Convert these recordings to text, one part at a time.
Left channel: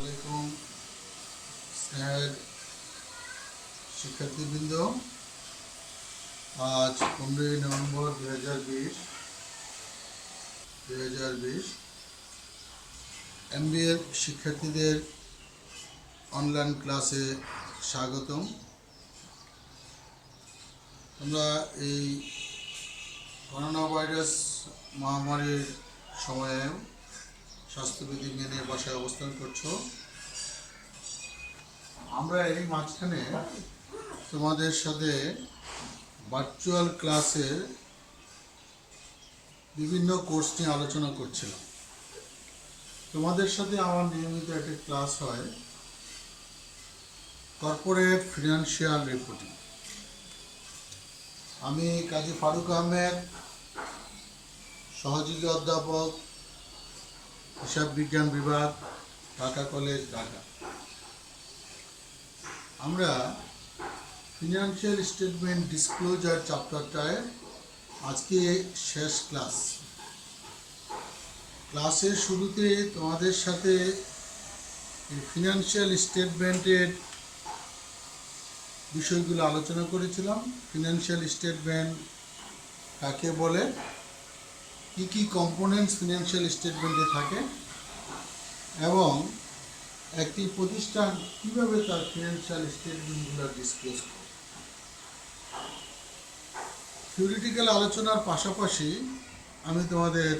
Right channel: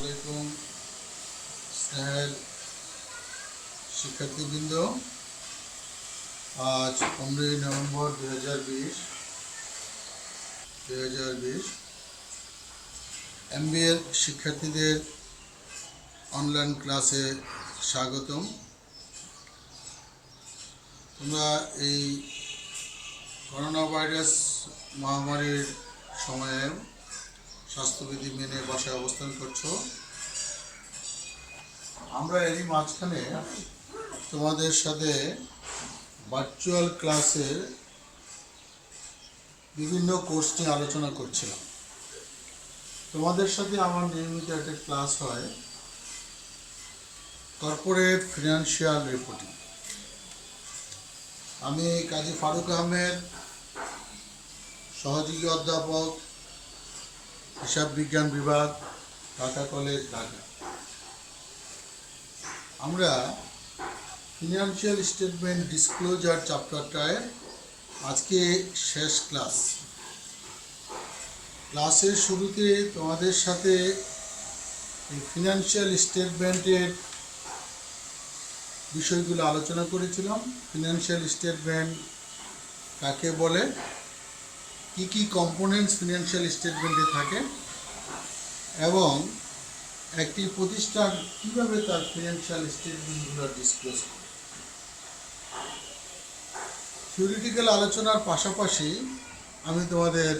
আসসালামাইকুম স্নেহের শিক্ষার্থীবৃন্দ। আজ 15 নভেম্বর 2020 MBA এর শিক্ষার্থীদের অনলাইন ক্লাসে স্বাগতম। তোমরা এই করোনা ভাইরাস মহামারীর সময়ে স্বাস্থ্যবিধি মেনে বাসায় অবস্থান করছো। আমরা এরই মাঝখানে তোমাদের সাথে ভার্চুয়াল ক্লাসের বিভিন্ন কোর্স নিয়ে আলোচনা করছিলাম। তোমাদের সাথে আমার নিয়মিত একটা ক্লাস হয় কর্পোরেট ফিনান্সিয়াল রিপোর্টিং। আমি কাজী ফারুক আহমেদ, সহযোগী অধ্যাপক, হিসাব বিজ্ঞান বিভাগ, ঢাকা কলেজ, ঢাকা। আমরা ফিনান্সিয়াল স্টেটমেন্ট ডিসক্লোজার চ্যাপ্টারটায় আজকে শেষ ক্লাসের শুরুতে তোমাদের সাথে এই ফিনান্সিয়াল স্টেটমেন্টের বিষয়গুলো আলোচনা করেছিলাম। ফিনান্সিয়াল স্টেটমেন্ট কাকে বলে, কি কি কম্পোনেন্টস ফিনান্সিয়াল স্টেটমেন্টে থাকে এবং একটি প্রতিষ্ঠান কিভাবে তার ফিনান্সিয়াল স্টেটমেন্টগুলো ডিসক্লোজ করে। থিওরিটিক্যাল আলোচনার পাশাপাশি আমি তোমাদের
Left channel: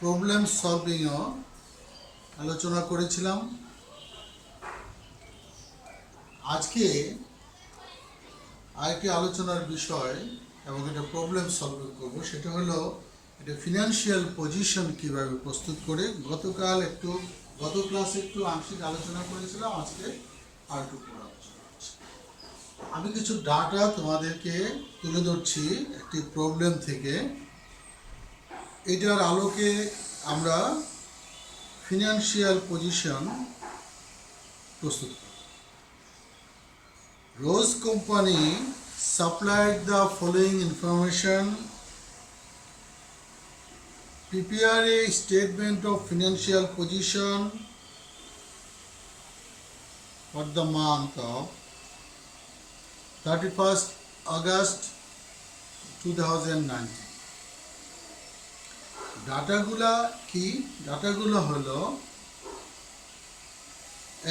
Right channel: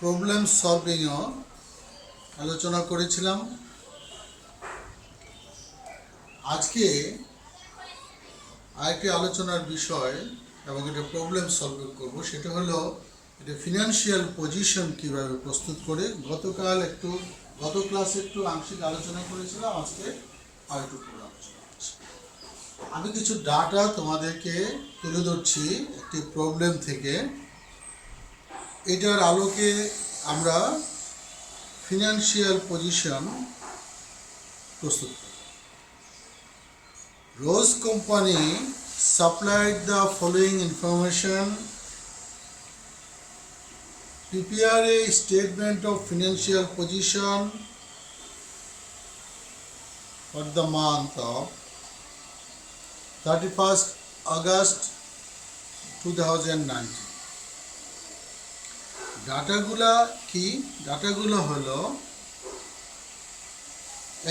প্রবলেম সলভিংও আলোচনা করেছিলাম। আজকে আরেকটি আলোচনার বিষয় এবং এটা প্রবলেম সলভিং করব, সেটা হলো এটা ফিনান্সিয়াল পজিশন কিভাবে প্রস্তুত করে। গত ক্লাসে একটু আংশিক আলোচনা করেছিলাম, আজকে আর একটু পুরো আলোচনা করছি। আমি কিছু ডাটা তোমাদেরকে তুলে ধরছি একটি প্রবলেম থেকে। এটার আলোকে আমরা ফিনান্সিয়াল পজিশন প্রস্তুত করি। Rose Company supplied the following information: prepare a statement of financial position for the month of 31st August 2019. ডাটাগুলো হলো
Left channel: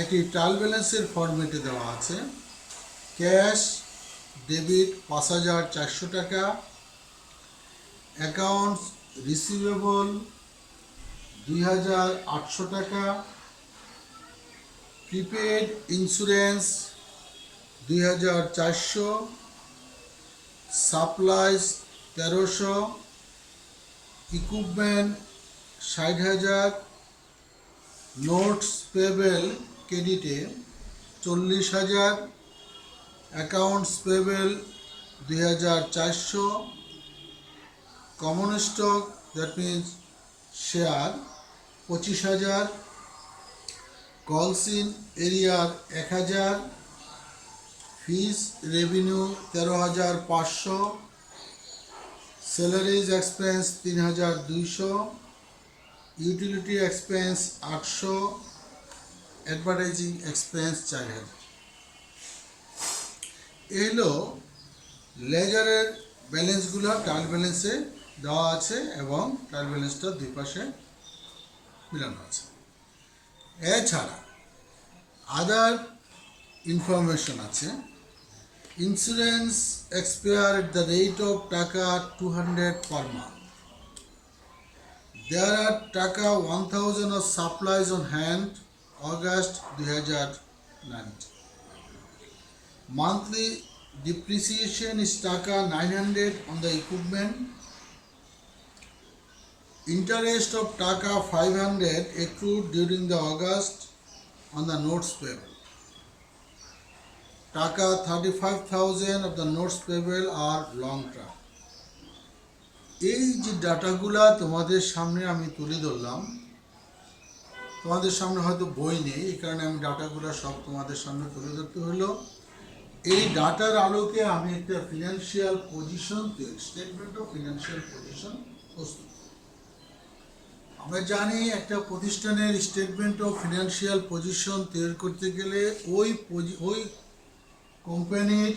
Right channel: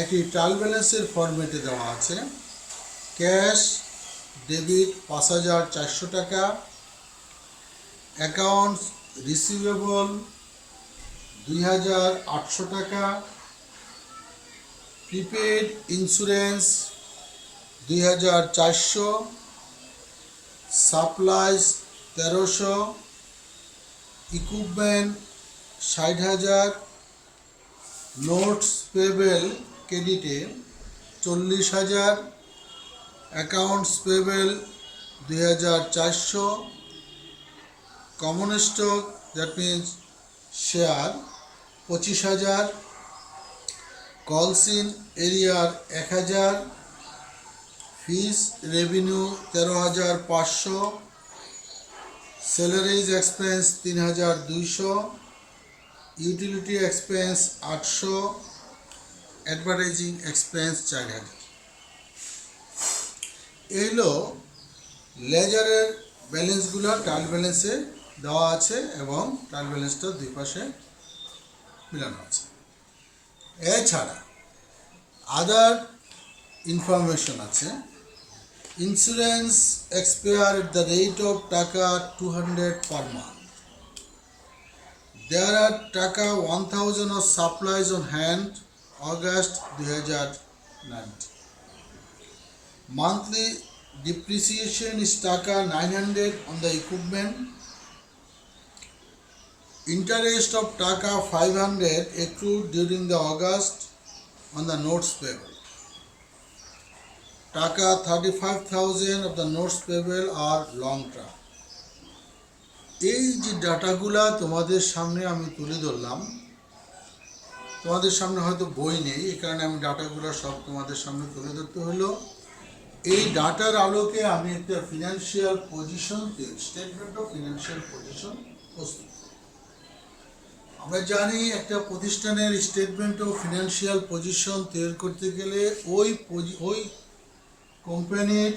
একটি ট্রায়াল ব্যালেন্সের ফরম্যাটে দেওয়া আছে। ক্যাশ ডেবিট 5,400 টাকা, অ্যাকাউন্টস রিসিভেবল 2,800 টাকা, prepaid insurance 2,400, supplies 1,300, equipment 60,000, notes payable ক্রেডিটে 40,000, accounts payable 2,400, common stock that means share 25,000, calls in arrear 1,000, fees revenue 13,500, salaries expense 3,200, utility expense 800, advertising expense 4,000। এগুলো লেজারের ব্যালেন্সগুলো ট্রায়াল ব্যালেন্সে দেওয়া আছে এবং ট্রায়াল ব্যালেন্সটা দুই পাশে মিলানো আছে। এছাড়া আদার ইনফরমেশন আছে। Insurance expire at the rate of টাকা 200 পার মান্থ। দেয়ার আর টাকা 1,000 of supplies on hand August 2019। Monthly depreciation is taka 900 on the equipment. Interest of taka 500 accrued during the August on the notes payable. Taka 35,000 of the notes payable are long term. এই যে ডাটাগুলা তোমাদের সামনে আমি তুলে ধরলাম, তোমাদের সামনে হয়তো বই নেই, এই কারণে আমি ডাটাগুলো সব তোমাদের সামনে তুলে ধরতে হলো। এই ডাটার আলোকে আমি একটা financial position, statement of financial position প্রস্তুত করব। আমরা জানি একটা প্রতিষ্ঠানের স্টেটমেন্ট অফ ফিনান্সিয়াল পজিশন তৈরি করতে গেলে ওই কোম্পানির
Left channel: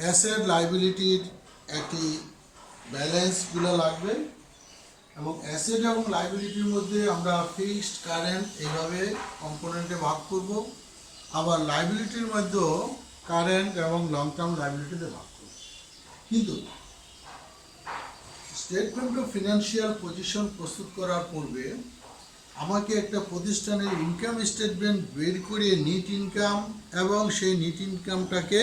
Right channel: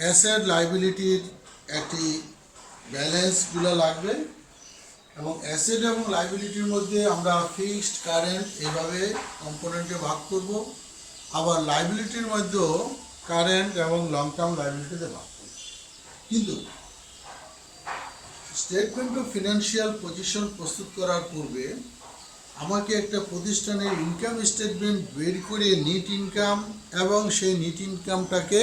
অ্যাসেট লাইবিলিটির একটি ব্যালেন্সগুলো লাগবে, এবং অ্যাসেট এবং লাইবিলিটির মধ্যে আমরা ফিক্সড কারেন্ট এইভাবে কম্পোনেন্টে ভাগ করব, আবার লাইবিলিটির মধ্যেও কারেন্ট এবং লং টার্ম লাইবিলিটিতে ভাগ করব। কিন্তু স্টেটমেন্ট অফ ফিনান্সিয়াল পজিশন প্রস্তুত করার পূর্বে আমাকে একটা প্রতিষ্ঠানের ইনকাম স্টেটমেন্ট বের করে নিট ইনকাম এবং সেই নিট ইনকামটাকে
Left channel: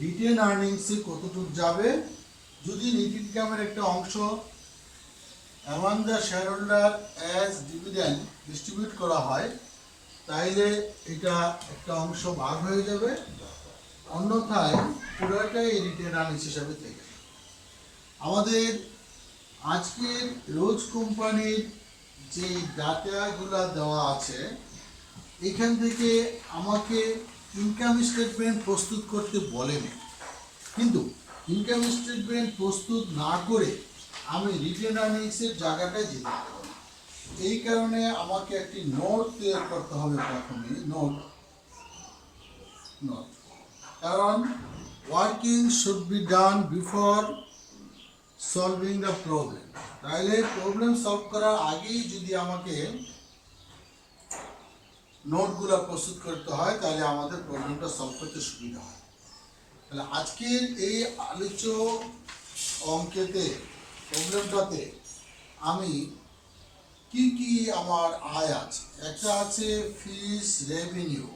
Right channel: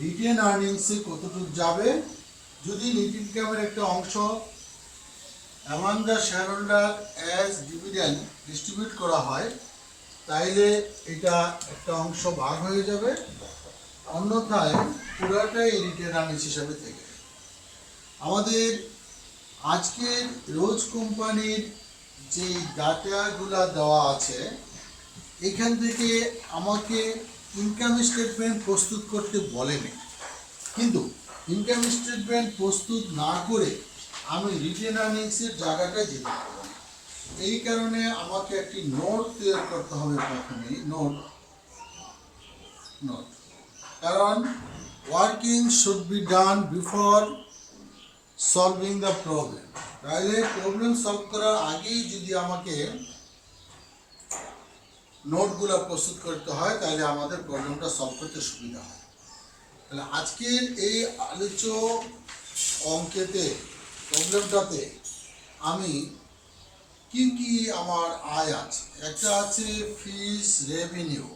রিটেন আর্নিংসে কতটুকু যাবে, যদি নিট ইনকামের একটা অংশ among the share holder as dividend distribute করা হয়, তাইলে এটা একটা অংশ ভাগ হয়ে যাবে, অন্যথায় পুরোটাই রিটেন আর্নিংস হিসাবে থেকে। আমাদের আজকের রোজ কোম্পানির যে ডাটাগুলো দেওয়া আছে, এখান থেকে আমাকে ইনকাম স্টেটমেন্ট প্রস্তুত করতে বলেনি, কিন্তু ইনকাম স্টেটমেন্ট প্রস্তুত না করে আমি রিটেন আর্নিংসের জায়গাটায় যেতে পারব। এই কারণে আমাকে একটি নোট তৈরি করতে হবে প্রথমে, নোট, কারণ working should be done before solving the problem. তাহলে প্রবলেম সলভ করার আগেই যদি আমাকে নোটগুলো প্রস্তুত করতে হয়, তাহলে আমাদের প্রবলেমটা সলভ করতে সুবিধা হয়। তাহলে আজকের এই আলোচ্য অঙ্কেতে, প্রবলেমটাতে আমি কি কি আমার আয় আছে, একটা আছে ফিস রেভিনিউ,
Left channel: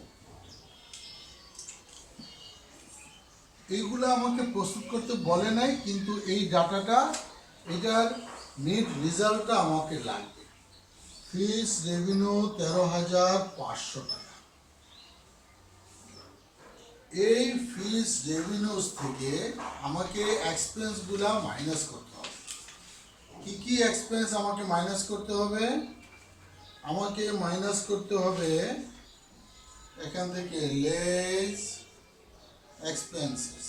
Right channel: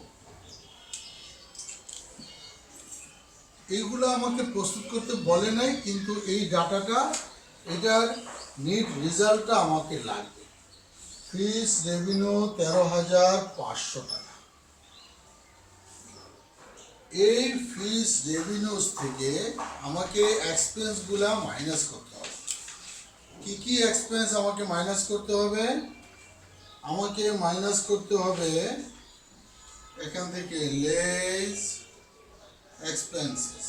এইগুলো আমাকে প্রস্তুত করতে বলে নাই, কিন্তু এই ডাটাটা, এটার নেট রেজাল্টটা আমাকে লাগবে। ফিস রেভিনিউ 13,500 টাকা। এই ফিস রেভিনিউস থেকে আমাকে এক্সপেন্সগুলো মাইনাস করতে হবে। কি কি এক্সপেন্স আমাকে মাইনাস করতে হবে? আমাকে মাইনাস করতে হবে এখান থেকে লেস এক্সপেন্সেস।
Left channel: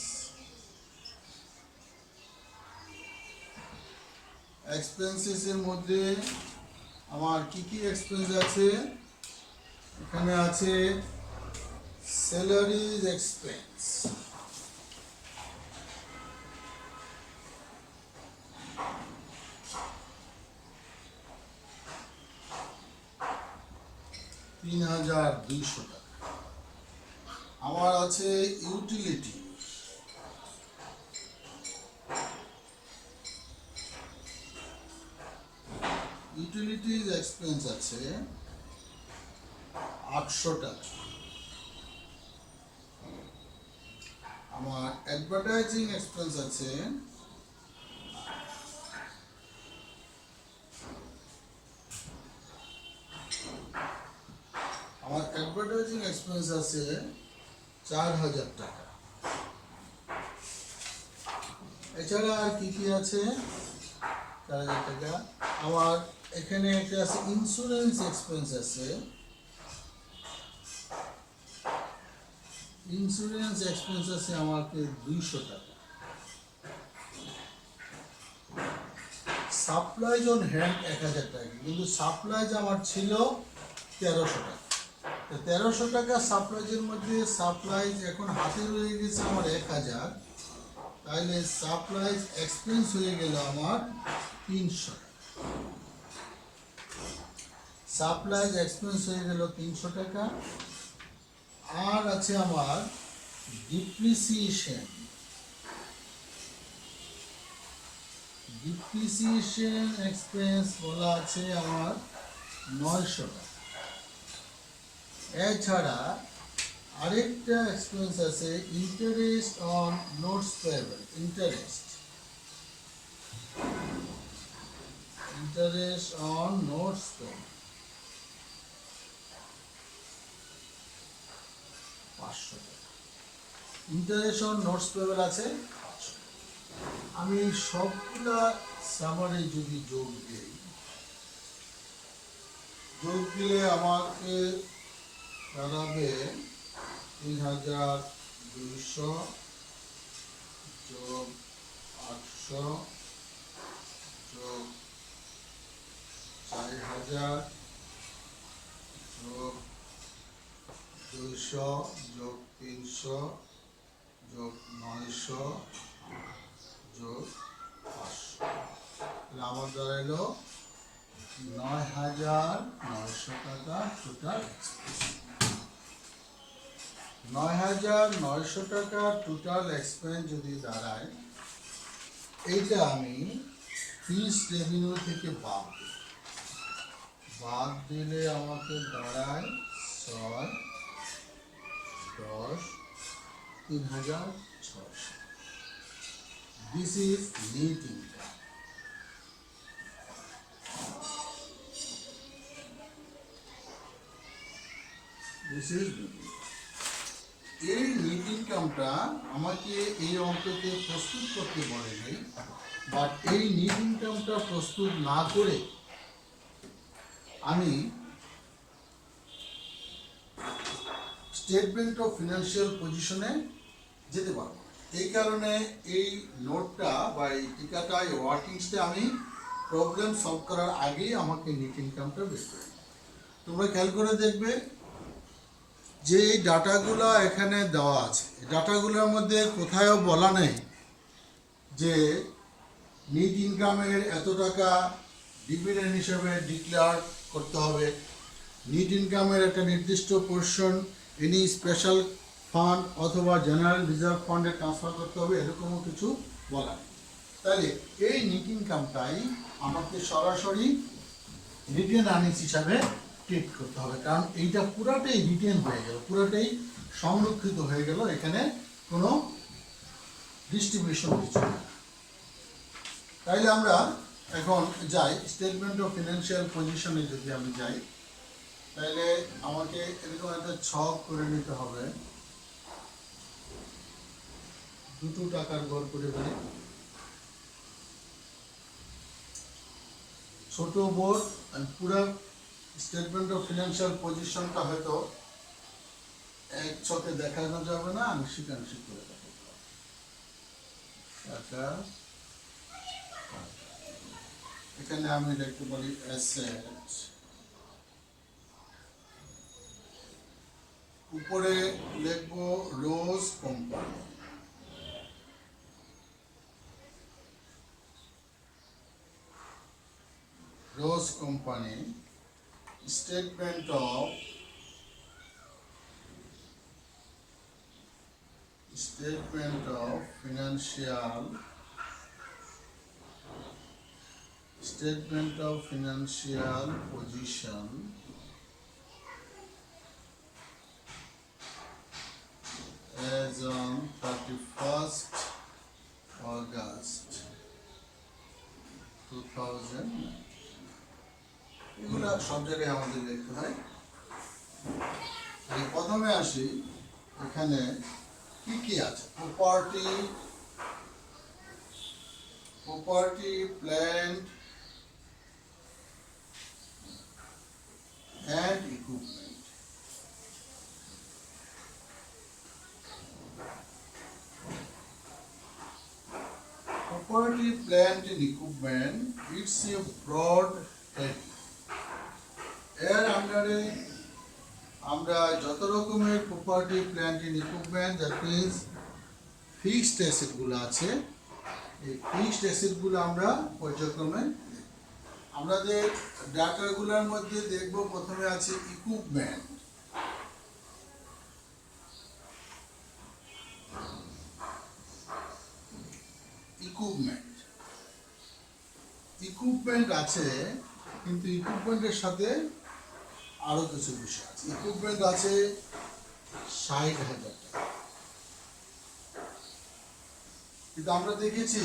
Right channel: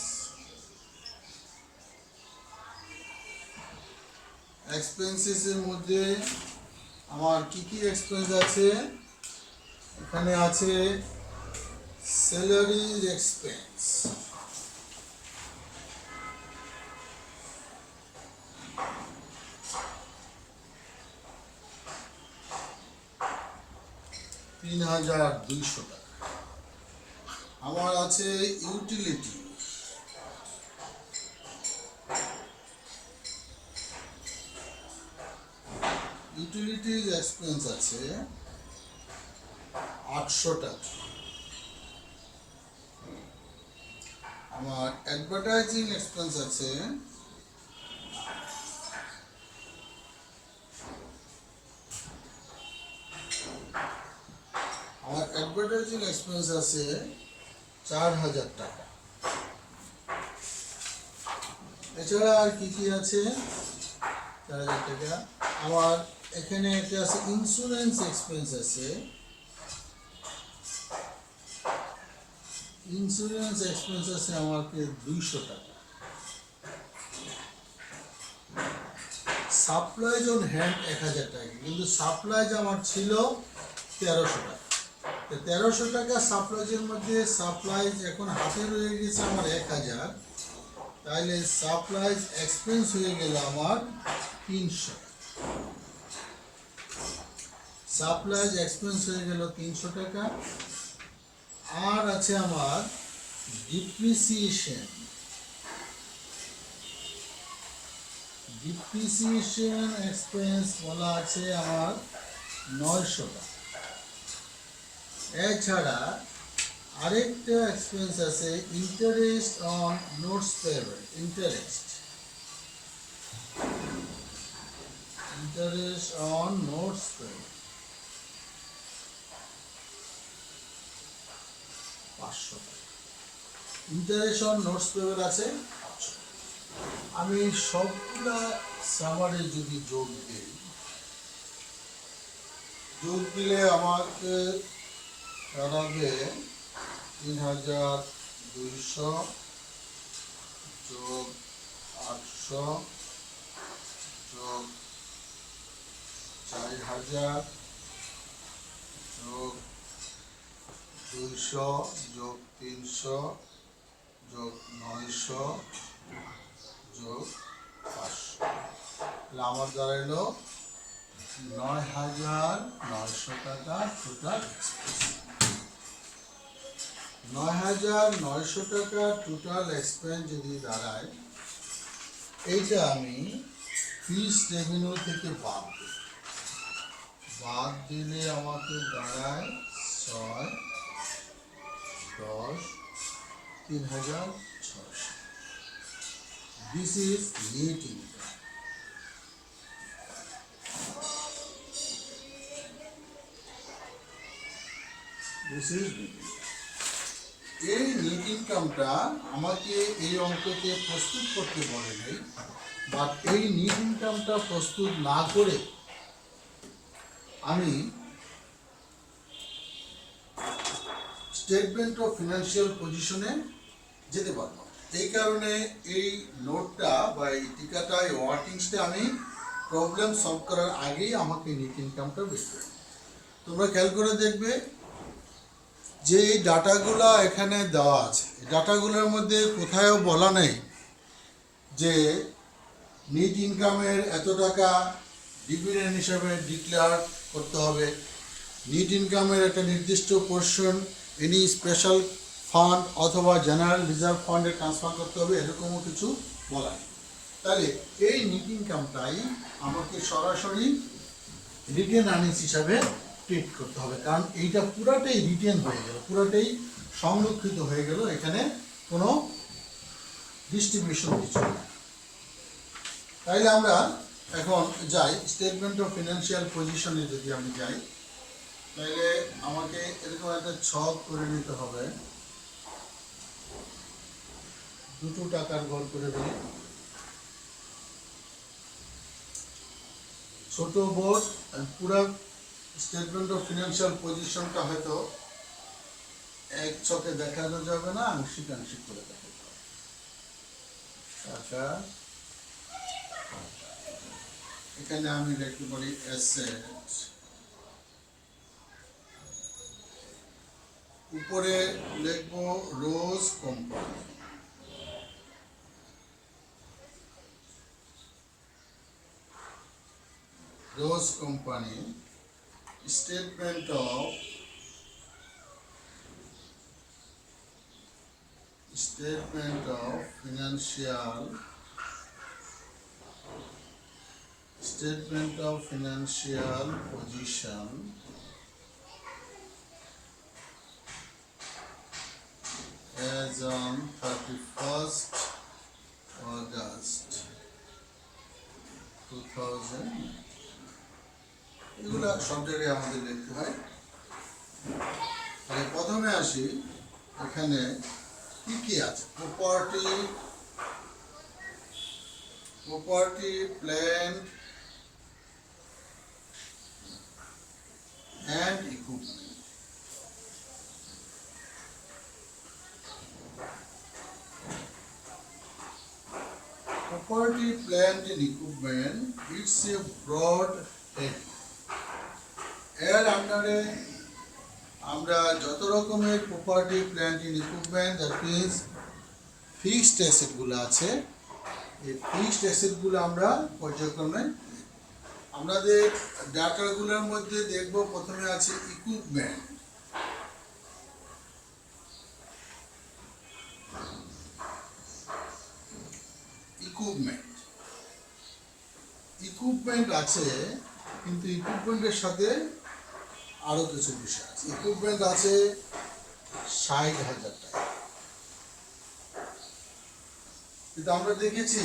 এক্সপেন্সেসের মধ্যে আমার কি কি এক্সপেন্স আছে? এখানে আছে স্যালারিজ এক্সপেন্স, $3,200 টাকা। আমার আছে ইউটিলিটি, ইউটিলিটিজ এক্সপেন্স আছে 800 টাকা। আমার অ্যাডভার্টাইজিং এক্সপেন্স আছে আছে 4,000 টাকা। এছাড়া আর কি কি আছে? 4,000 টাকা। আমার এখানে একটা আছে ইন্স্যুরেন্স এক্সপেন্স আছে, ইন্স্যুরেন্স এক্সপেন্স আছে আমাকে 200 টাকা। সাপ্লাইজ অন হ্যান্ড 1,000 টাকা, কিন্তু সাপ্লাইজ আমার ছিল 1300 টাকা। 1300 টাকা সাপ্লাইজের মধ্যে সাপ্লাইজ এখন হাতে রয়ে গেছে আমার 1,000, তাহলে সাপ্লাইজ এক্সপেন্স হয়ে গেল আমার 300। সাপ্লাইজ এক্সপেন্স হয়ে গেল 300 টাকা। আর আছে আমার ডিপ্রিসিয়েশন, ডিপ্রিসিয়েশন এক্সপেন্স বলা আছে আমার 900 টাকা। এছাড়া আরেকটা এক্সপেন্স আছে interest on notes payable, interest on notes payable 500 টাকা। ইন্টারেস্ট অন নোটস পেয়েবল আছে 500 টাকা। আমি সবগুলা সামারে যদি যোগ দিই, যোগ দিলে আমাকে দাঁড়াবে 3,200 যোগ 800 যোগ 4000 যোগ 200 যোগ 300 যোগ 900 যোগ 500, তাহলে আমার দাঁড়াইলো 9,900 টাকা টোটাল এক্সপেন্স। 9,900 টাকা টোটাল এক্সপেন্স যদি দাঁড়ায়, এইটা আমি ফিস রেভিনিউ থেকে বাদ দিলে আমাকে দাঁড়ায় 6, 10, 3,600। This is net income. This is net income. এই নেট ইনকামটা আমাকে এই অঙ্কতে প্রস্তুত করতে বলে নেই, বাট এই নেট ইনকামটা প্রস্তুত না করে আমি স্টেটমেন্ট অফ ফিনান্সিয়াল পজিশনে যেতে পারবো। এই কারণে এই নোটটা বা এই টিকাটা, এই ওয়ার্কিংসটা আমি প্রবলেম সলভ করার আগেই আমাকে নেট ইনকামটা বের করে নিই। তোমরা খেয়াল করে দেখবে যে এই ডাটাগুলো এখানে দেওয়া আছে, এই ডাটাগুলোর মধ্যে কোথাও বলা নেই যে নেট ইনকামের এত টাকা ডিভিডেন্ড হিসেবে ডিক্লেয়ার করতে হবে, নেট ইনকামের একটা নির্দিষ্ট পোর্শন এনি স্পেশাল ফান্ড অথবা জেনারেল রিজার্ভ ফান্ডে ট্রান্সফার করতে হবে, এরকমও কিছু বলা নেই। তাহলে এই নেট ইনকামটাই আমাকে সরাসরি রিটেন আর্নিংস হিসাবে ট্রিট করতে হবে, কারণ এইটা পুরাটাই রিটেন হয়ে গেল, পুরাটাই সংরক্ষিত হয়ে গেল, এখানে কোনো ডিস্ট্রিবিউশন কিছু নেই। তাইলে আমরা এখন যাই স্টেটমেন্ট অফ ফিনান্সিয়াল পজিশনে। যদি আমি যাই তাহলে আমাকে এরকম একটা ছক করে নিতে হবে, দুটো টাকার ঘর করে ফেলি, ছোট বোর্ড। পুরো স্টেটমেন্ট অফ ফিনান্সিয়াল পজিশনটা হয়তো এক ছকে দেখানো যাবে না, আংশিক আংশিক করে দেখাতে হবে। টাকা, এখানে আমি লিখতে পারি অ্যাসেট, উপরে লিখবো Rose company, Rose company statement of financial position as on 31st August 2009। এগুলা সব জায়গায় আমাদের লিখতে হয়। তাহলে প্রথমে আসি, এখানে কি কি আছে? Property, plant and equipment. Property, plant and equipment, it's a broad head. এর আন্ডারে আমরা যত রকমের property, plant and equipment, that means fixed অ্যাসেটগুলো আছে, এই ফিক্সড অ্যাসেটগুলো আমরা পর্যায়ক্রমে আমাদের ডাটাগুলোর মধ্যে দেখব। প্রথমে আছে ইকুইপমেন্ট। ইকুইপমেন্ট আছে, কিন্তু ইকুইপমেন্টের সাথে আরো কিছু বিষয় আছে। ইকুইপমেন্ট আছে 60,000 টাকা, কিন্তু আমরা দেখেছি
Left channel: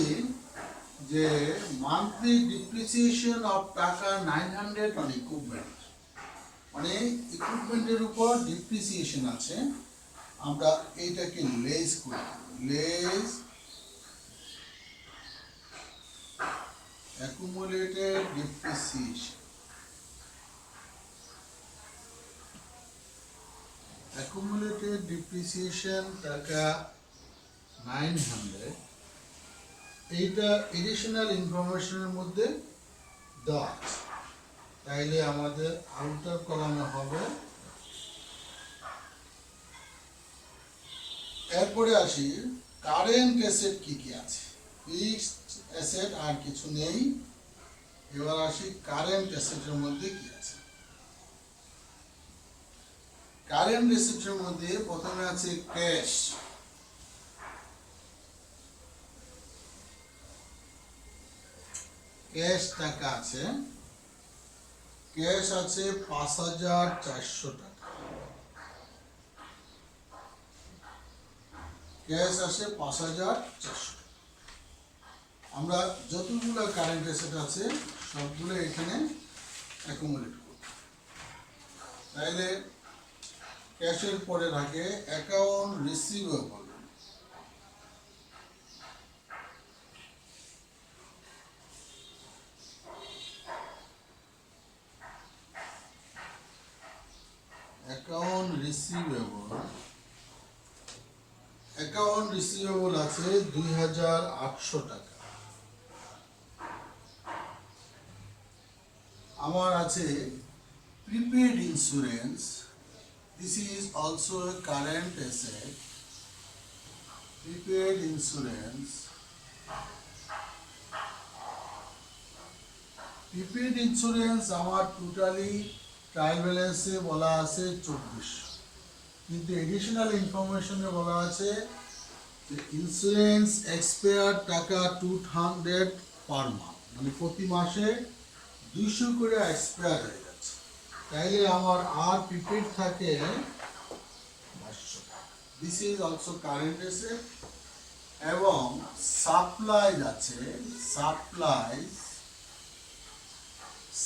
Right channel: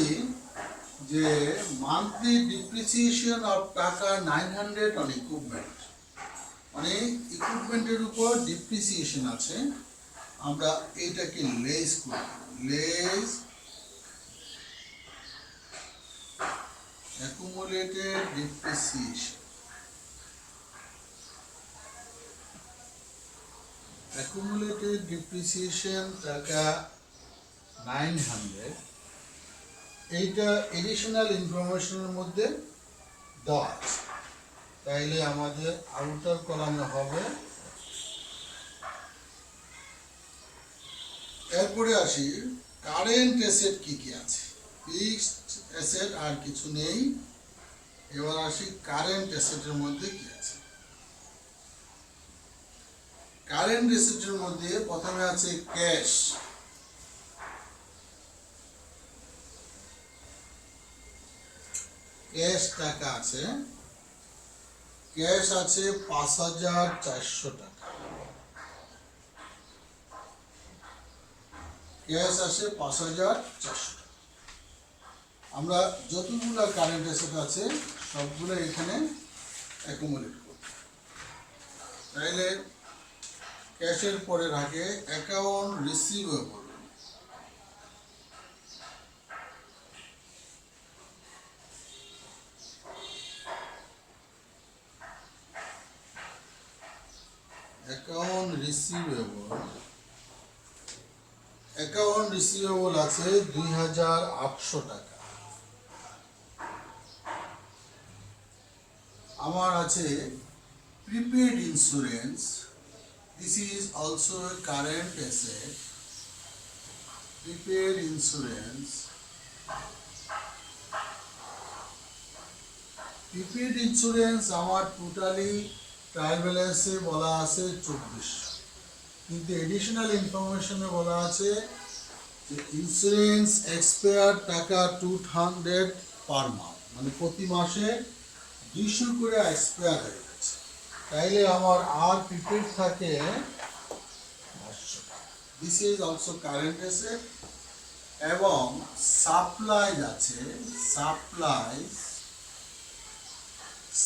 যে মান্থলি ডিপ্রিসিয়েশন অফ টাকা 900 অন ইকুইপমেন্ট, মানে ইকুইপমেন্টের উপর ডিপ্রিসিয়েশন আছে। আমরা এইটাকে লেস করি, less accumulated depreciation. Accumulated depreciation টাকা 900, এইটা এডিশনাল ইনফরমেশনের মধ্যে দেওয়া আছে। তাইলে আমাদের আউটার কলামে হবে। এরপরে আসি কারেন্ট অ্যাসেট কি কি আছে। ফিক্সড অ্যাসেট আর কিছু নেই। এবার আসি কারেন্ট অ্যাসেটের মধ্যে কি আছে। কারেন্ট অ্যাসেটের মধ্যে প্রথমে আছে ক্যাশ। ক্যাশ টাকা আছে। ক্যাশ আছে ৫,৪০০ টাকা। ক্যাশ আছে ৫,৪০০ টাকা। আমরা যতগুলো কারেন্ট অ্যাসেট আছে সবগুলো এখানে অ্যাকুমুলেট করব। তাইলে ক্যাশের পরে থাকে অ্যাকাউন্ট রিসিভেবল। অ্যাকাউন্ট রিসিভেবল আছে ২,৮০০ টাকা। আমার আছে prepaid insurance. This is also a current asset. Prepaid insurance. Prepaid insurance আমার টোটালি ট্রায়াল ব্যালেন্সে বলা আছে ২৪০০, কিন্তু এডিশনাল ইনফরমেশনে বলা আছে যে ইন্স্যুরেন্স এক্সপায়ার টাকা 200 পার মান্থ, মানে প্রতি মাসে ২০০ করে এক্সপায়ার হয়ে যাচ্ছে। তাইলে আমার আর প্রিপেড থাকে ৫০০। This is also current asset. এবং সাপ্লাইজ আছে।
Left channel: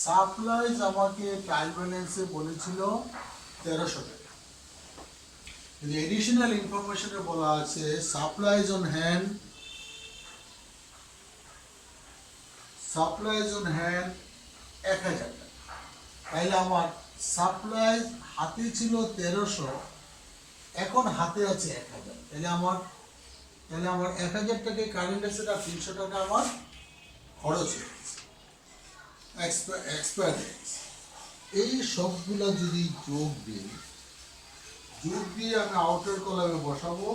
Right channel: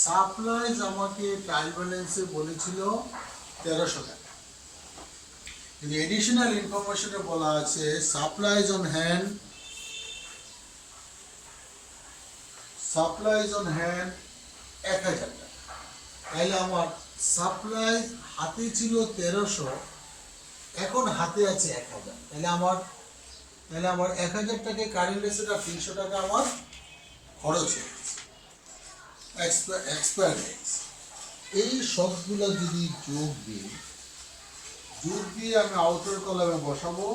সাপ্লাইজ আমাকে ট্রায়াল ব্যালেন্সে বলেছিল ১৩০০ টাকা, কিন্তু এডিশনাল ইনফরমেশনে বলা আছে সাপ্লাইজ অন হ্যান্ড ১,০০০ টাকা। তাইলে আমার সাপ্লাইজ হাতে ছিল ১৩০০, এখন হাতে আছে ১,০০০। তাহলে আমার ১,০০০ টাকায় কারেন্ট অ্যাসেট আর ৩০০ টাকা আমার খরচ হয়ে গেছে, এক্সপায়ার। এই সবগুলা যদি যোগ দিয়ে আমি আউটার কলামে বসাবো,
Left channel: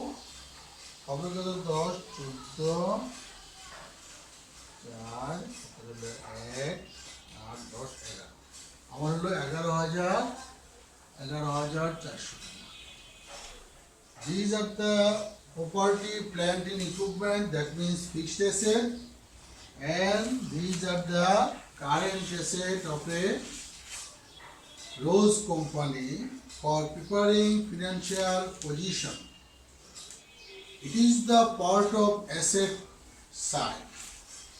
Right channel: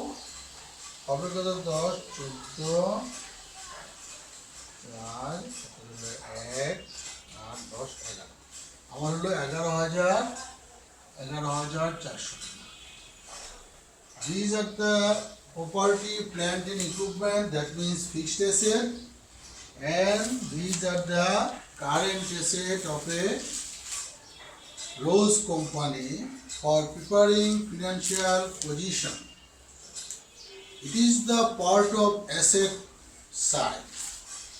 হবে কত? ১০, ১৪, ৪, ১, ৮, ১০, ১১। আমার হলো ১১,৪০০ টাকা। These are the property, plant and equipment, that means fixed asset, and these are the current asset of a Rose company for preparing financial position. It is the part of asset side.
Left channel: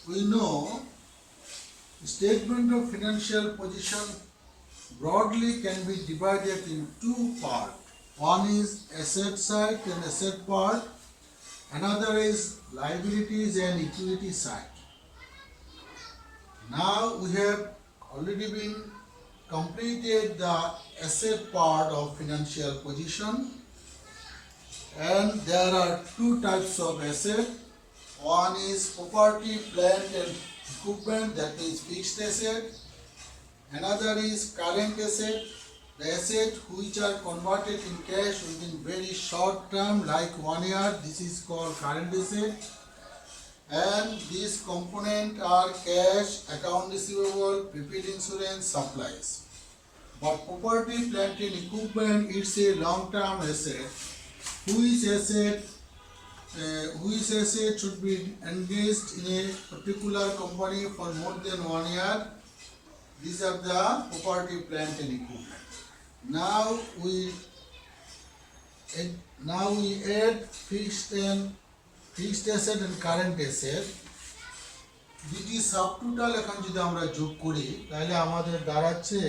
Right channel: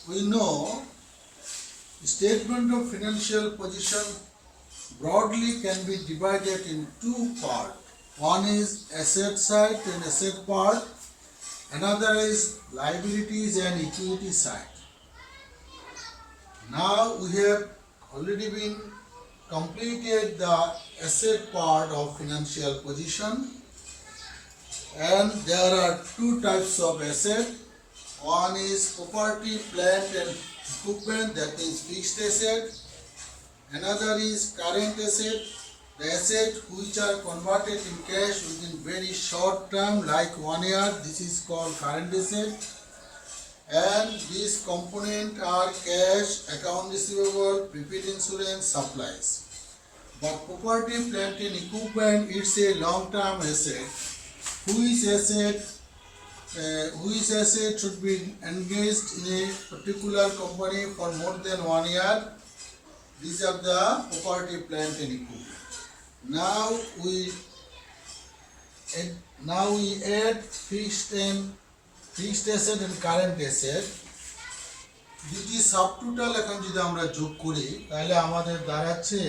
We know statement of financial position broadly can be divided in two parts. One is asset side and asset part. Another is liabilities and equity side. Now we have already been completed the asset part of financial position, and there are two types of asset. One is property, plant and equipment, that means fixed asset. Another is current asset, the asset which are converted in cash within very short term like 1 year. This is called current asset. And these components are cash, account receivable, prepaid insurance, supplies. But property, plant and equipment, it's a long-term asset. Which asset should be engaged in a particular company for more than 1 year. These are the property, plant and equipment. Now we add fixed asset and current asset. দুটি subtotal এখন যদি আমরা যোগ করি তাহলে আমাদের দাঁড়াচ্ছে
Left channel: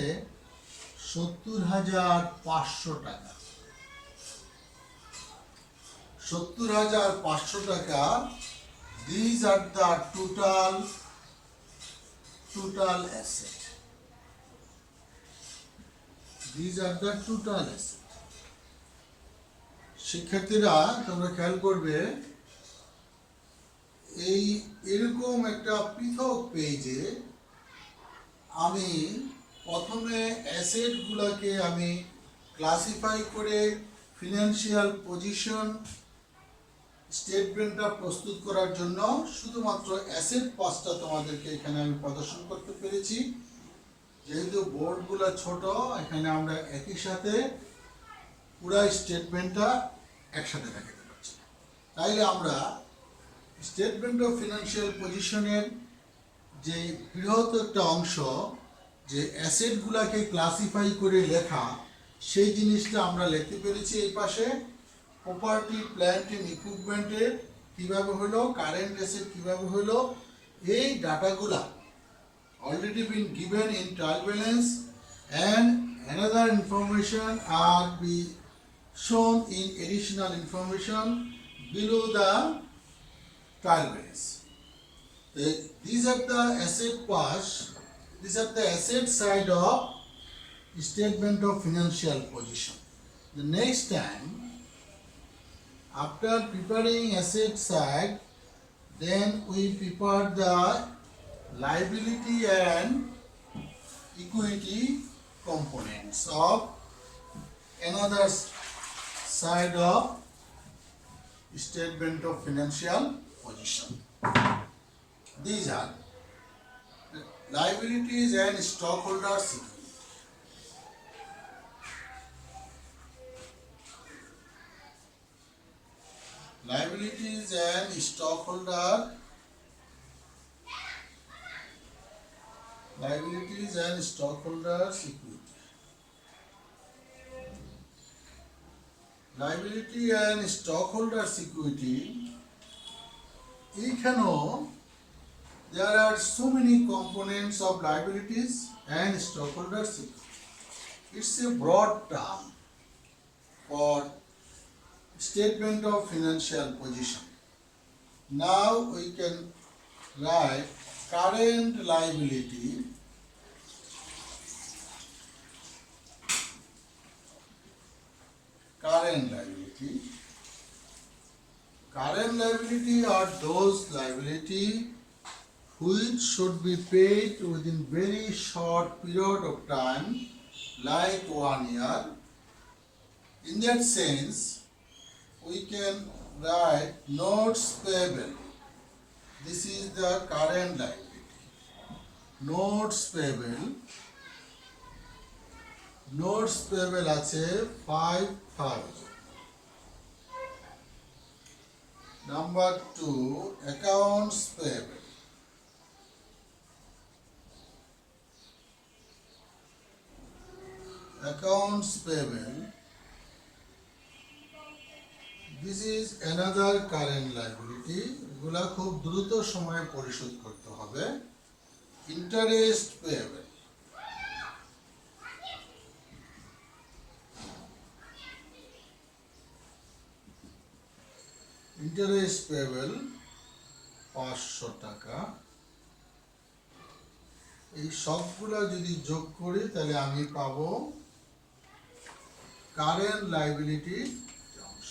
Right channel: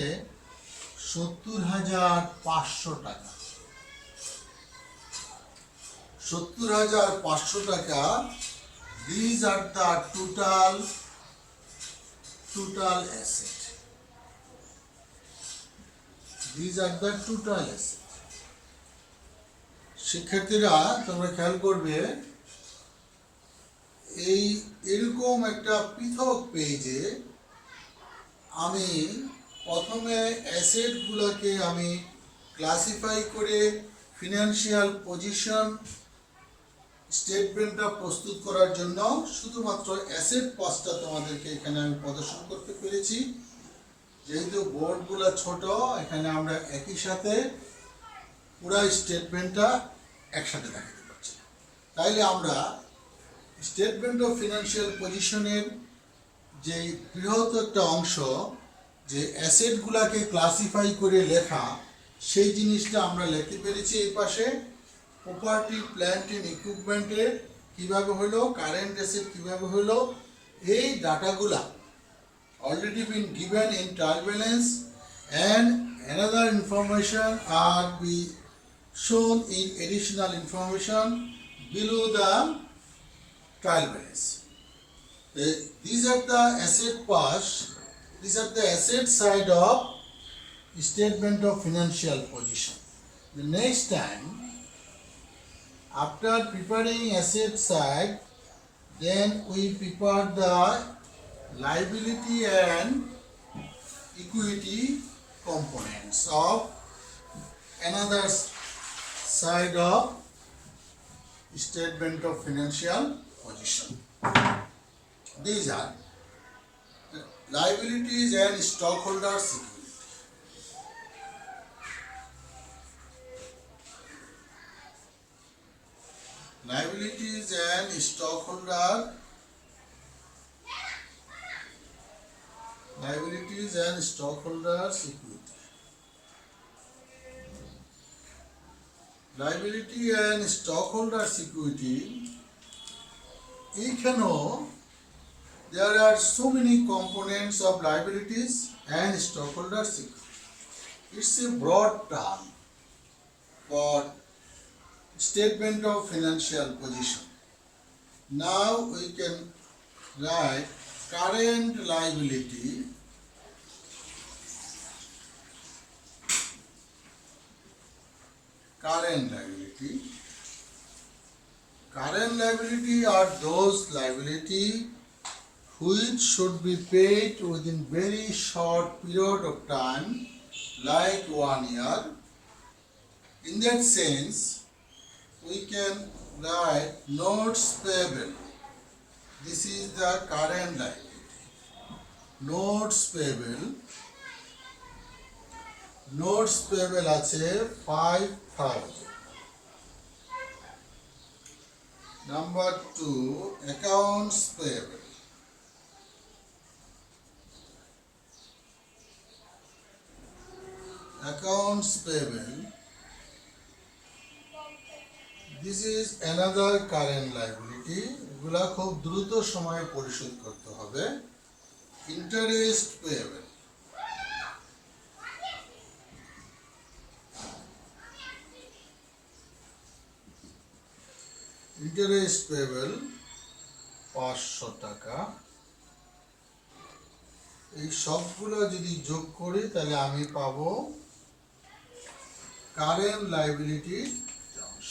৭০,৫০০ টাকা। ৭০,৫০০ টাকা। These are the total asset. These are the total asset. শিক্ষার্থীরা তোমরা খেয়াল করবে এই এরকম একটা পৃথক পেজে আমি প্রথমে অ্যাসেটগুলোকে আমি ক্লাসিফাই করে ফিনান্সিয়াল পজিশন স্টেটমেন্টটা প্রস্তুত করার জন্য শুধুমাত্র অ্যাসেট পাসটা তোমাদেরকে এখানে আমি প্রদর্শন করতে পেরেছি। যেহেতু বোর্ডগুলো ছোট, এখানে আমরা একই সাথে পুরো স্টেটমেন্টটা একসাথে দেখাতে পারছি না। তাইলে আমরা স্টেটমেন্ট অফ ফিনান্সিয়াল পজিশনের যে বৃহৎ একটা অংশ, যে অ্যাসেটগুলোকে ক্লাসিফাই করে লেখা, সেই জিনিসটা আমরা লিখতে পেরেছি। এই পাশে প্রপার্টি প্ল্যান্ট এন্ড ইকুইপমেন্টের কীভাবে হলো, কারেন্ট অ্যাসেট কীভাবে হলো, এই ডাটাগুলা already been given in trial balance, and another information are be shown in additional information below the trial balance. These are the asset pass, these are the asset side of statement of financial position. The next time, after preparing asset side, then we prepare the liability and equity components of another side of statement of financial position. These are liabilities and stockholders equity. Liabilities and stockholders equity. Liability and stockholders equity. এখানেও there are so many components of liabilities and stockholders equity. It's a broad term for statement of financial position. Now we can write current liability are those liability which should be paid within very short period of time, like 1 year. In that sense, we can write notes payable. This is the current liability. Notes payable আছে 5,000. Number 2, accounts payable. This is another current liability. এগুলা খুব দ্রুত সময়ে পরিশোধ করতে হবে। Interest payable. Interest payable 500 টাকা। এই সবগুলা যদি যোগ করি তাহলে আমি পাবো কারেন্ট লাইবিলিটি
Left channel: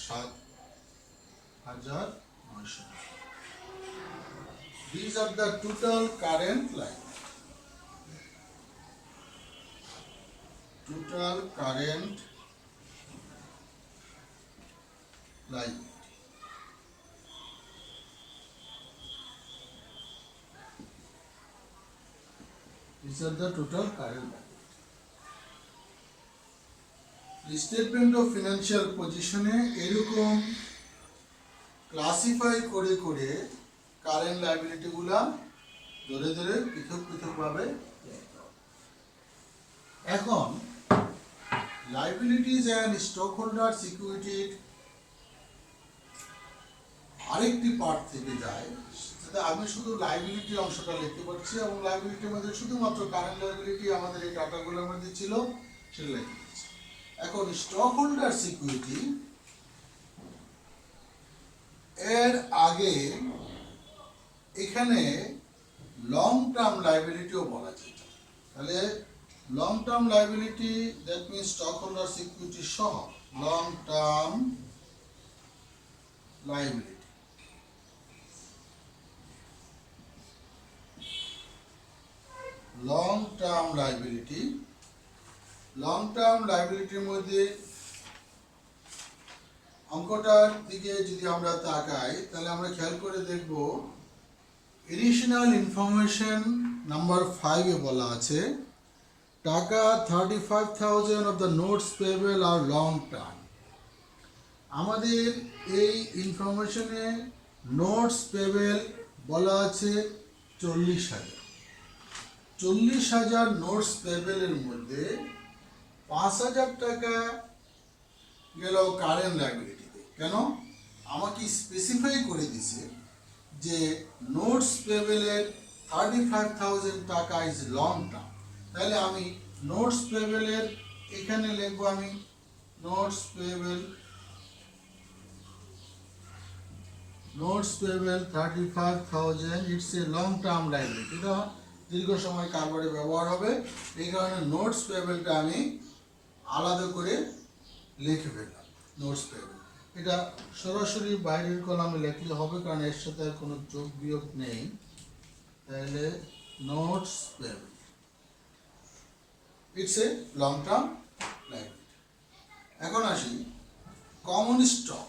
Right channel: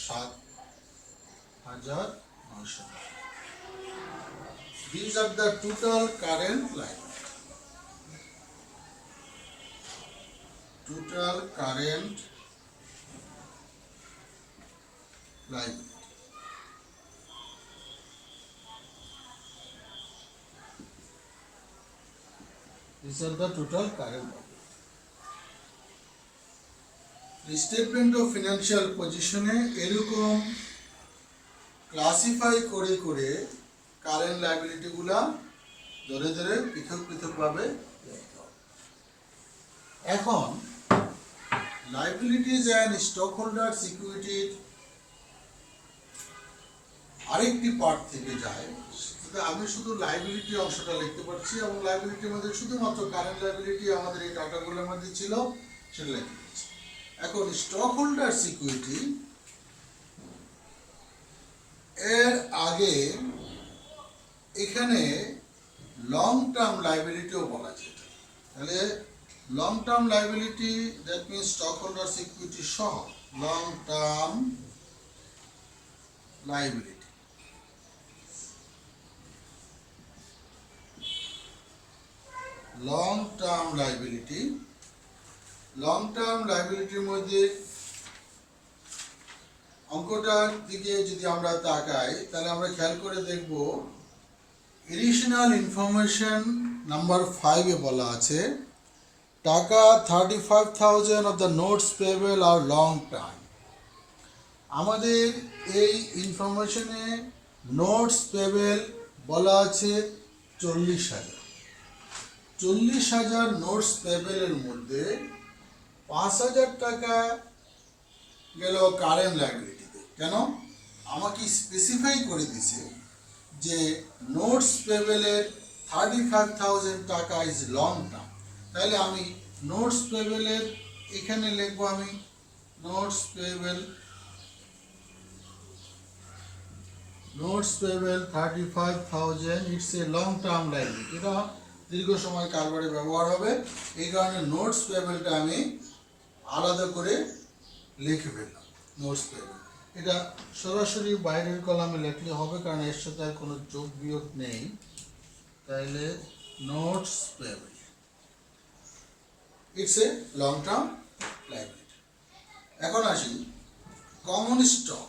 7,900 টাকা। These are the total current liability. These are the total current liability. The statement of financial position এরকম ক্লাসিফাই করে করে কারেন্ট লাইবিলিটি গুলা ধরে ধরে পৃথক ভাবে লিখতে হবে। এখন লাইবিলিটিজ এন্ড স্টক হোল্ডার্স ইকুইটির আরেকটি পার্ট থেকে যায়, আমি শুধু লাইবিলিটি অংশটা লিখতে পারছি এবং লাইবিলিটির মধ্যে শুধুমাত্র কারেন্ট লাইবিলিটি আমাদের এই ডাটাগুলোর মধ্যে ছিল, সেটা লিখতে পারছি। এখন স্টক হোল্ডার্স ইকুইটি এর আগে এখানে লং টার্ম লাইবিলিটিও বলা যায়। তাহলে long term liability, that means stock holders equity সহ long term liability. Long term liability. Long term লাইবিলিটির মধ্যে অঙ্কটার দিকে যদি আমরা তাকাই তাহলে আমরা খেয়াল করে দেখব এডিশনাল ইনফরমেশন নাম্বার 5 এ বলা আছে টাকা 35,000 of the notes payable are long term. আমাদের এই ইনফরমেশনে নোটস পেয়েবল বলা আছে 40,000। 40,000 নোটস পেয়েবলের মধ্যে 5,000 টাকা গেল কারেন্ট লাইবিলিটিতে। কেন? আমাকে স্পেসিফাই করে দিছে যে নোটস পেয়েবলের 35,000 টাকা ইজ লং টার্ম। তাহলে আমি নোটস পেয়েবলের এখানে লিখবো আমি notes payable 35,000 it's a long term liability. এটা দীর্ঘ সময় কারবারে ব্যবহার হবে, এই কারণে নোটস পেয়েবলটা আমি আলাদা করে লিখে ফেললাম নোটস পেয়েবল। এটা সরাসরি বাইরের কলামে লিখলে হবে কারণ এর সাথে আর কোনো যোগ বিয়োগ নেই। তাহলে notes payable it's a long term liability. এখন আসি কমন স্টক।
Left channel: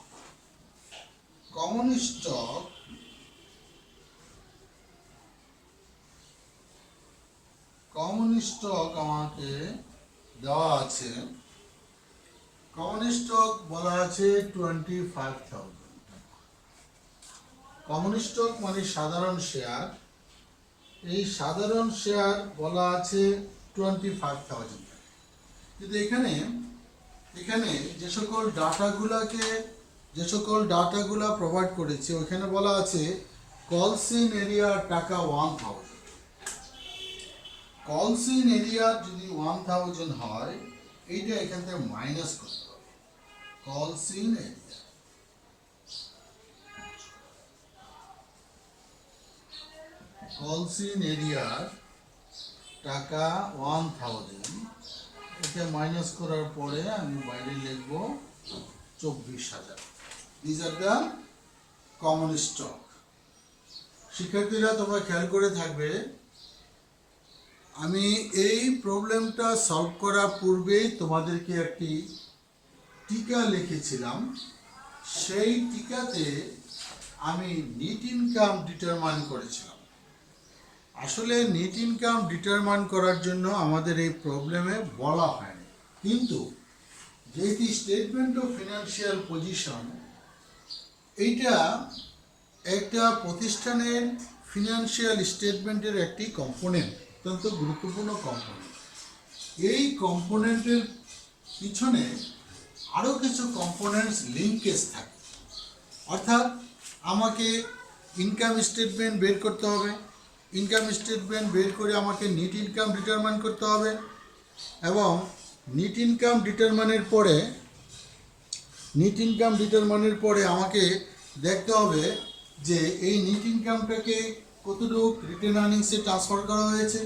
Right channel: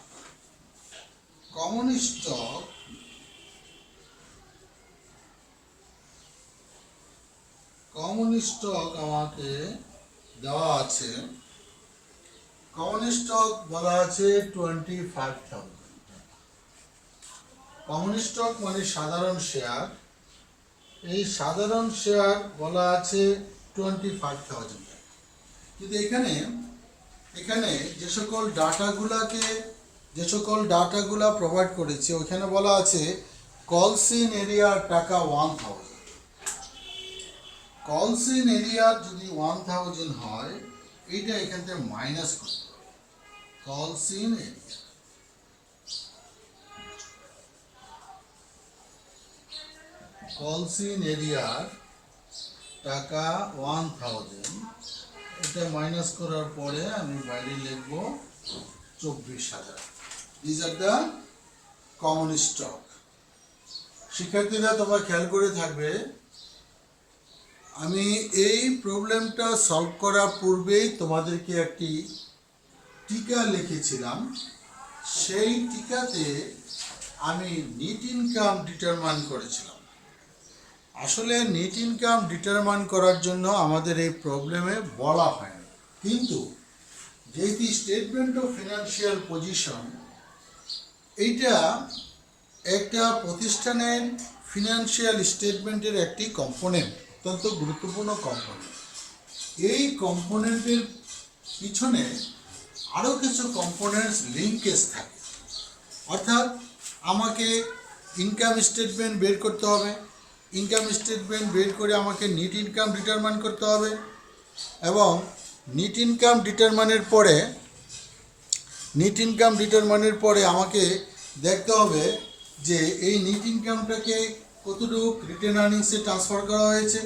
কমন স্টক আমাকে দেওয়া আছে। কমন স্টক বলা আছে 25,000। কমন স্টক মানে সাধারণ শেয়ার। এই সাধারণ শেয়ার বলা আছে 25,000। কিন্তু এখানে যে সকল ডাটাগুলা প্রোভাইড করেছে ওইখানে বলা আছে কলসিন এরিয়ার টাকা 1,000। কলসিন এরিয়া যদি 1,000 হয় এইটা এখান থেকে মাইনাস করতে হবে। কলসিন এরিয়ার টাকা 1,000, এটা মাইনাস করার পরে আমি বাইরে লিখব 24,000। This are the common stock. শিক্ষার্থীরা তোমরা খেয়াল করে থাকবে, আমি এই প্রবলেমটা সলভ করার পূর্বেই তোমাদেরকে একটি টিকা লিখেছিলাম। সেই টিকাতে আমি নেট ইনকাম ডিটারমাইন করেছিলাম। আসলে নেট ইনকাম ডিটারমাইন করার জন্য আমাদের এই প্রবলেমে বলা হয়নি, কিন্তু যেহেতু স্টেটমেন্ট অফ ফিনান্সিয়াল পজিশন এইটা একটা প্রতিষ্ঠানের ফিনান্সিয়াল স্টেটমেন্টের একটি কম্পোনেন্ট, অত্যন্ত গুরুত্বপূর্ণ কম্পোনেন্ট। এই কম্পোনেন্টের পিছনে আরও কিছু কম্পোনেন্টস লিঙ্কেজ থাকে। অর্থাৎ আমাকে ইনকাম স্টেটমেন্ট বের করতে হবে, ইনকাম স্টেটমেন্ট বের করে আমাকে নেট ইনকাম ডিটারমাইন করতে হবে, এবং নেট ইনকাম ডিটারমাইনের পরে আমাকে দেখতে হবে যে এই নেট ইনকামটাকে কতটুকু রিটেন আর্নিংসে ট্রান্সফার করা হয়েছে,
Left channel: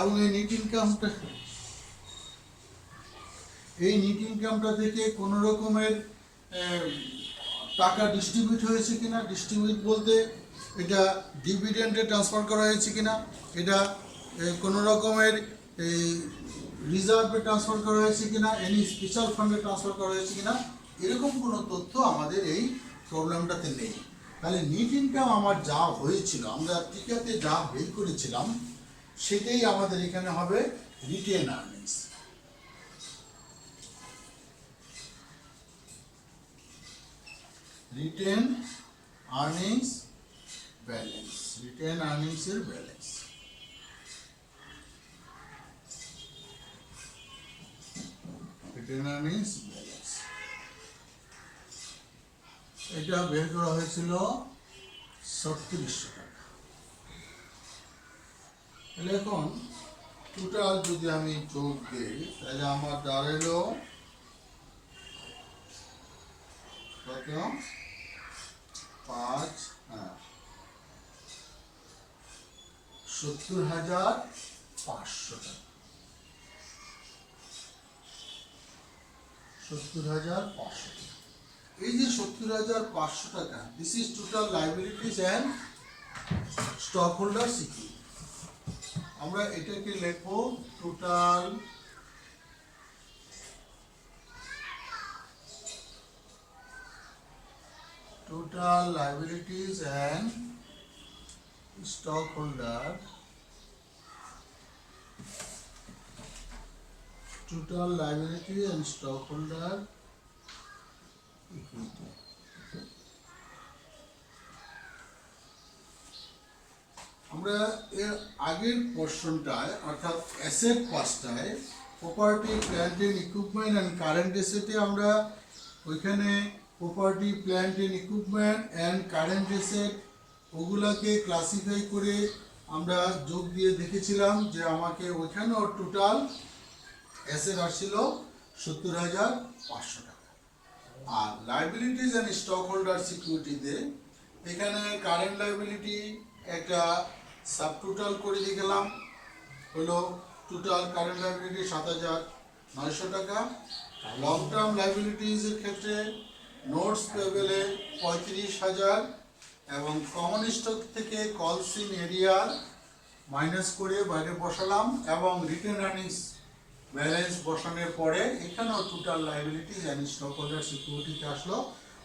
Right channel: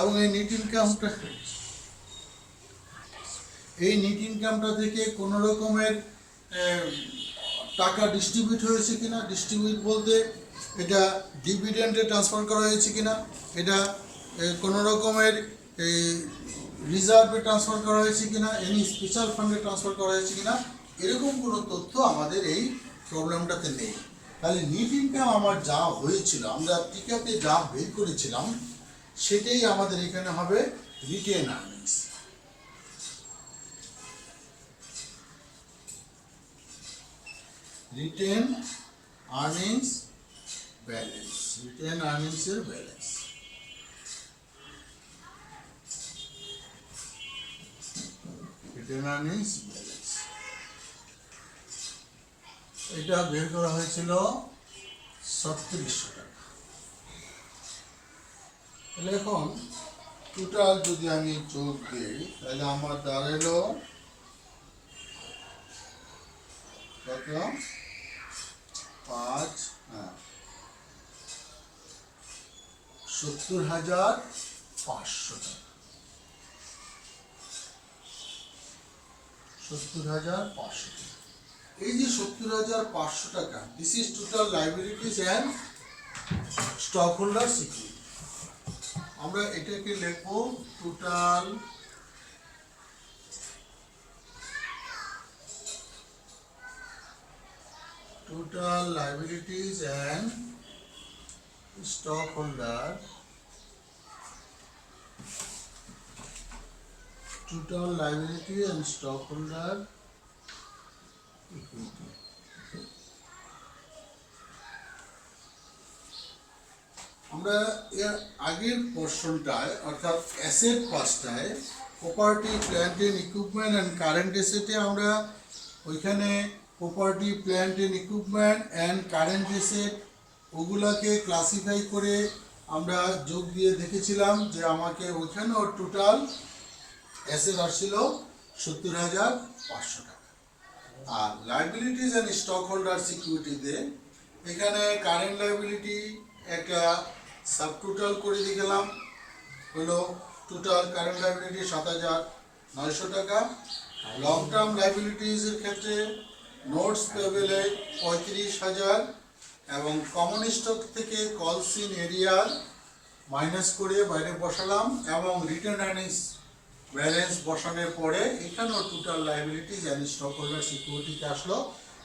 এবং এই নেট ইনকামটা থেকে কোনো রকমের টাকা ডিস্ট্রিবিউট হয়েছে কিনা। ডিস্ট্রিবিউট বলতে এটা ডিভিডেন্ডে ট্রান্সফার করা হয়েছে কিনা, এটা কোনো রকমের রিজার্ভে ট্রান্সফার করা হয়েছে কিনা, এনি স্পেশাল ফান্ডে ট্রান্সফার করা হয়েছে কিনা, এরকম কোনো তথ্য আমাদের এই প্রবলেমটাতে নেই। তাহলে নেট ইনকাম আমার যা হয়েছিল, আমরা টিকাতে যা বের করেছিলাম সেটাই আমাদের এখানে হবে retained earnings. Retained earnings balance, retained আর্নিংসের ব্যালেন্স। রিটেন আর্নিংস ব্যালেন্স এটা বের করা হয়েছিল 3600 টাকা। তাহলে এখন টোটাল যদি আমি যোগ দিই তাহলে আমার দাঁড়ালো কত? 70,500 টাকা। 70,500 টাকা। এই যে 70,500 টাকা, this is total liabilities and stock holder security. আমরা এটাকে লিখব total liabilities and stockholder equity। আমরা এর আগের পোর্শনটায় অর্থাৎ অ্যাসেট পার্টটায় property plant and equipment and current অ্যাসেটে আমরা ওইখানে property plant and equipment and current asset ওগুলাকে ক্লাসিফাই করে আমরা যোগ দিয়ে দেখেছিলাম যে আমাকে ওইখানেও টোটাল অ্যাসেট আসছিল 70,500 টাকা। আর লাইবিলিটিস অ্যান্ড স্টক হোল্ডার সিকিউরিটিতে এখানে কারেন্ট লাইবিলিটি একটা সাব টোটাল করে দিয়ে গেলাম, হলো টোটাল কারেন্ট লাইবিলিটি 7,900 টাকা। লং টার্ম লাইবিলিটিসের ক্ষেত্রে নোটস পেবেলে 35,000 এবং কমন স্টক থেকে কলসিন এরিয়ার মাইনাস করে বাইরে বসালাম এবং রিটার্ন আর্নিংস ব্যালেন্স বসানোর পরে এখানেও total liabilities and stock holder সিকিউরিটিতে আসলো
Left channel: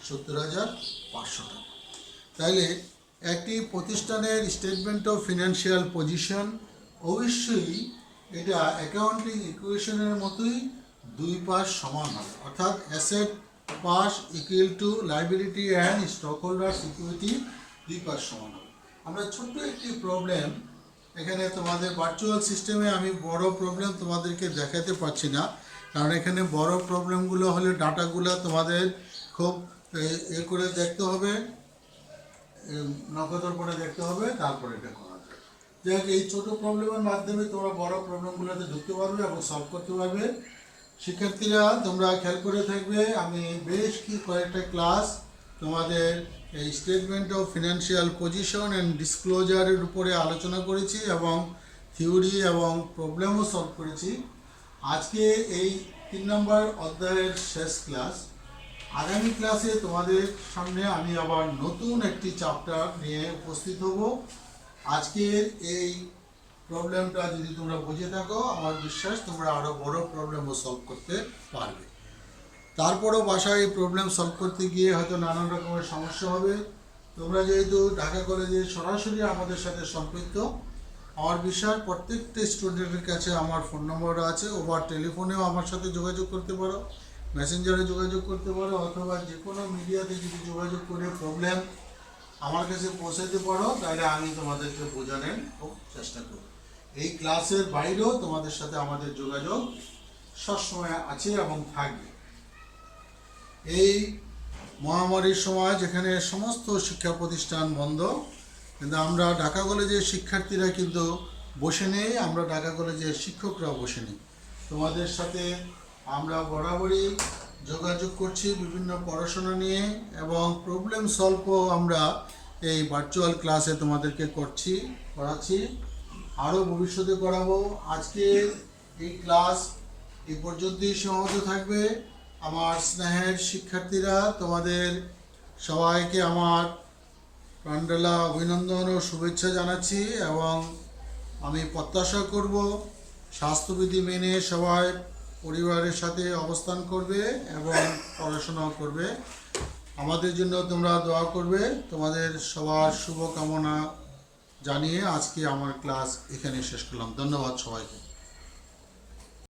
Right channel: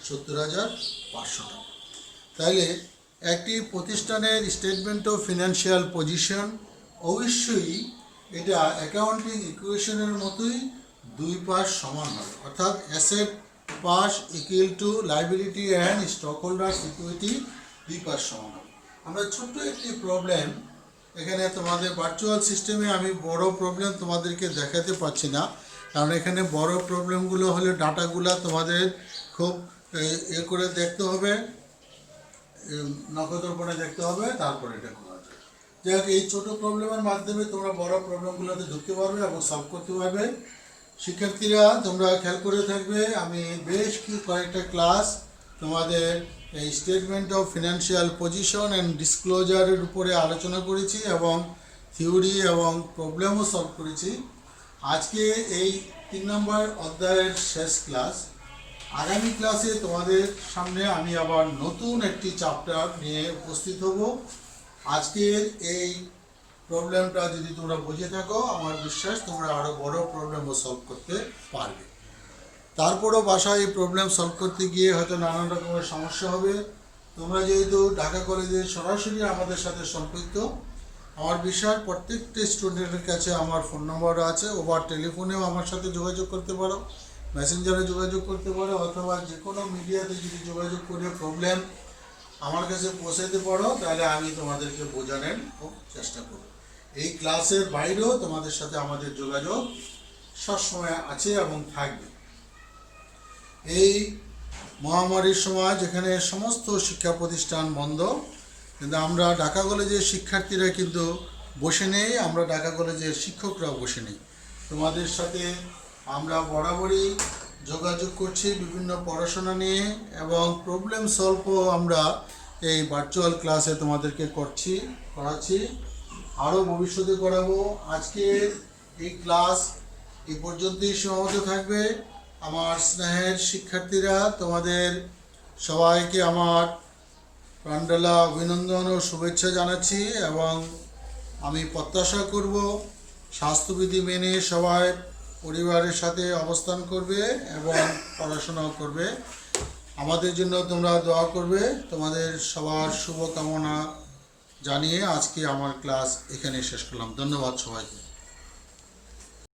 70,500 টাকা। তাহলে একটি প্রতিষ্ঠানের স্টেটমেন্ট অফ ফিনান্সিয়াল পজিশন অবশ্যই এটা অ্যাকাউন্টিং ইকুয়েশনের মতোই দুই পাশ সমান হবে, অর্থাৎ asset pass equal to liability and stock holder security দুই পাশ সমান হবে। আমরা ছোট্ট একটি প্রবলেম এখানে তোমাদের ভার্চুয়াল সিস্টেমে আমি বড় প্রবলেম তোমাদেরকে দেখাতে পারছি না, কারণ এখানে বড় প্রবলেমগুলো হলে ডাটাগুলো তোমাদের খুব এ করে দেখতে হবে, নখদর্পণে দেখতে হবে, তারপরে এটা করা যায়। যাই হোক, এই ছোটো প্রবলেমের মাধ্যমে তোমরা বড় প্রবলেমগুলোতে ঢুকতে পারবে এবং সলভ করতে পারবে। শিক্ষার্থীরা তোমরা খেয়াল করে থাকবে, আমি বেশ কয়েকটা ক্লাস তোমাদের এই statement of financial position and ডিসক্লোজারের উপরে আলোচনা করেছি এবং থিওরি এবং প্রবলেমও সলভ করেছি। আজকে এই 3 নম্বর অধ্যায়ের শেষ ক্লাস। আগামী ক্লাসে তোমাদের সামনে আমি আবার নতুন একটি চ্যাপ্টার নিয়ে উপস্থিত হব। আজকের এই প্রবলেমটা যদি তোমরা বুঝে থাকো, আমার বিশ্বাস তোমরা আরও বড় প্রবলেমও সলভ করতে পারবে। তারপরও বাসায় এই প্রবলেম সলভ করতে গিয়ে হয়তো নানান রকমের সমস্যা হবে। তোমরা যেহেতু ঢাকা কলেজে সরাসরি আমাদের সাথে সম্পৃক্ত, আমার বিশ্বাস প্রত্যেকটা স্টুডেন্টের কাছে আমার ফোন নম্বর আছে, ওভার টেলিফোনেও আমার সাথে যোগাযোগ করতে পারো, মেসেঞ্জারে যোগাযোগ করতে পারো, অথবা যে কোনো মিডিয়াতে যদি যোগাযোগ করে প্রবলেম আমার কাছে পৌঁছাতে পারো, তাহলে আমি তোমাদেরকে বোঝানোর খুব চেষ্টা করব। এই ক্লাসের বাইরেও তোমাদের সাথে আমাদের যোগাযোগ সবসময় আছে এবং থাকবে। এই মহামারীর সময় যেখানে সমস্ত শিক্ষা প্রতিষ্ঠান বন্ধ, কিন্তু আমরা ঢাকা কলেজের শিক্ষার্থীরা কিন্তু বসে নেই, আমরা ঢাকা কলেজের শিক্ষকরাও বসে নেই। তোমাদের সাথে আমরা বরাবরই যোগাযোগ করছি বিভিন্ন পড়াশোনা নিয়ে এবং প্রবলেম সলভও আমরা এই ভার্চুয়াল ক্লাসে তোমাদেরকে করাচ্ছি, আরও ভবিষ্যতে করাবো। আজকের এই ক্লাস এই পর্যন্তই সীমাবদ্ধ থাকবে। আমার স্নেহের শিক্ষার্থীরা, তোমাদের সবাইকে আমার প্রাণঢালা অভিনন্দন ও শুভেচ্ছা জানাচ্ছি এবং আমি প্রত্যাশা করব স্বাস্থ্যবিধি মেনে সবাই পরিবারের সাথে অবস্থান করবে এবং পড়াশোনাও করবে। আমাদের জন্য তোমরা দোয়া করবে। তোমাদের সবার শুভকামনা জানিয়ে আজকে আমার ক্লাস এখানে শেষ করলাম। ধন্যবাদ সবাইকে।